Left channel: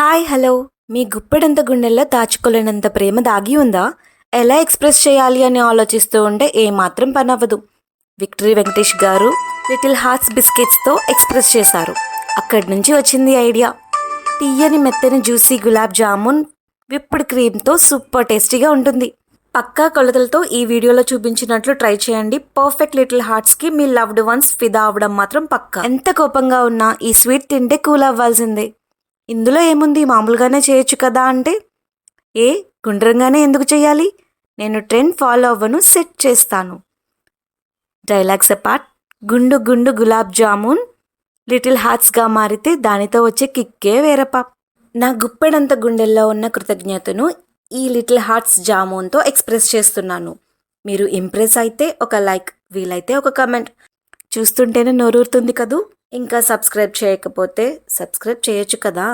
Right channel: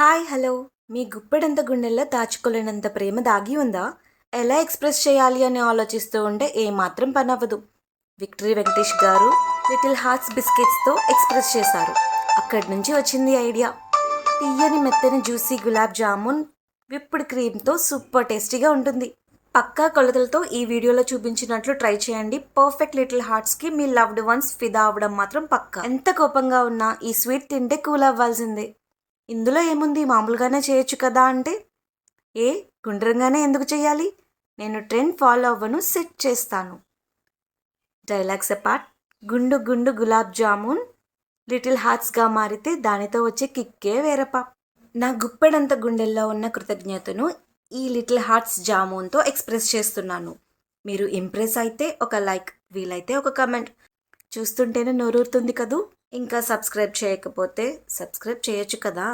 Hi hello మీ గుప్పెడంత గుండెల్లో దాచుకోలేనంత ప్రేమ దాగి ఉందా? ఎలా ఎక్స్ప్రెస్ చేయాలి అని ఆలోచిస్తూ ఉంటే ఏమాత్రం పని అవ్వదు. విక్టరీ వెంకటేష్ గారు లిటిల్ హార్ట్స్ బిస్కెట్స్తో ఎక్స్ప్రెస్ చేశారు. అక్కడి నుంచి వచ్చింది ఐడియా. తీయని మెత్తని జ్యూసీ గులాబ్ జామున్ విప్డ్ క్రీమ్తో సూపర్ టేస్టీగా ఉంటుంది. పక్కా కొలతలతో ఈ వీడియోలో చూపించినట్లు ట్రై చేయండి. పర్ఫెక్ట్ లిటిల్ హార్ట్స్కి మీ లవ్డ్ వన్స్ ఫిదా అవ్వడం మాత్రం పక్కా. ఎంత కోపంగా ఉన్నా ఈ స్వీట్ తింటే కూల్ అవ్వాల్సిందే. ఇందులో ఏముంది, మామూలుగానే చేయొచ్చు కదా అంటే, గుండ్రంగానే ఎందుకు చేయాలి? నేను ట్రెండ్ ఫాలో అవ్వను, సెట్ చేస్తాను. డైలాగ్స్ అపార్ట్, గుండు గుండు గులాబ్ జామున్ లిటిల్ హార్ట్స్గా మారితే దానితో వచ్చే కిక్కే వేరపా. నా గుప్పెడంత గుండెల్లో ఉన్న కృతజ్ఞతను ఈ లిటిల్ హార్ట్స్ జామున్తో ఎక్స్ప్రెస్ చేస్తున్నాను. మీరు ఇంప్రెస్ అయితే ఒక లైక్, వీలైతే ఒక కమెంట్. చూస్తుంటేనే నోరూరుతుంది కదూ. ఇంకా సబ్స్క్రైబ్ చేయకపోతే సబ్స్క్రైబ్ చేయొచ్చు కదా.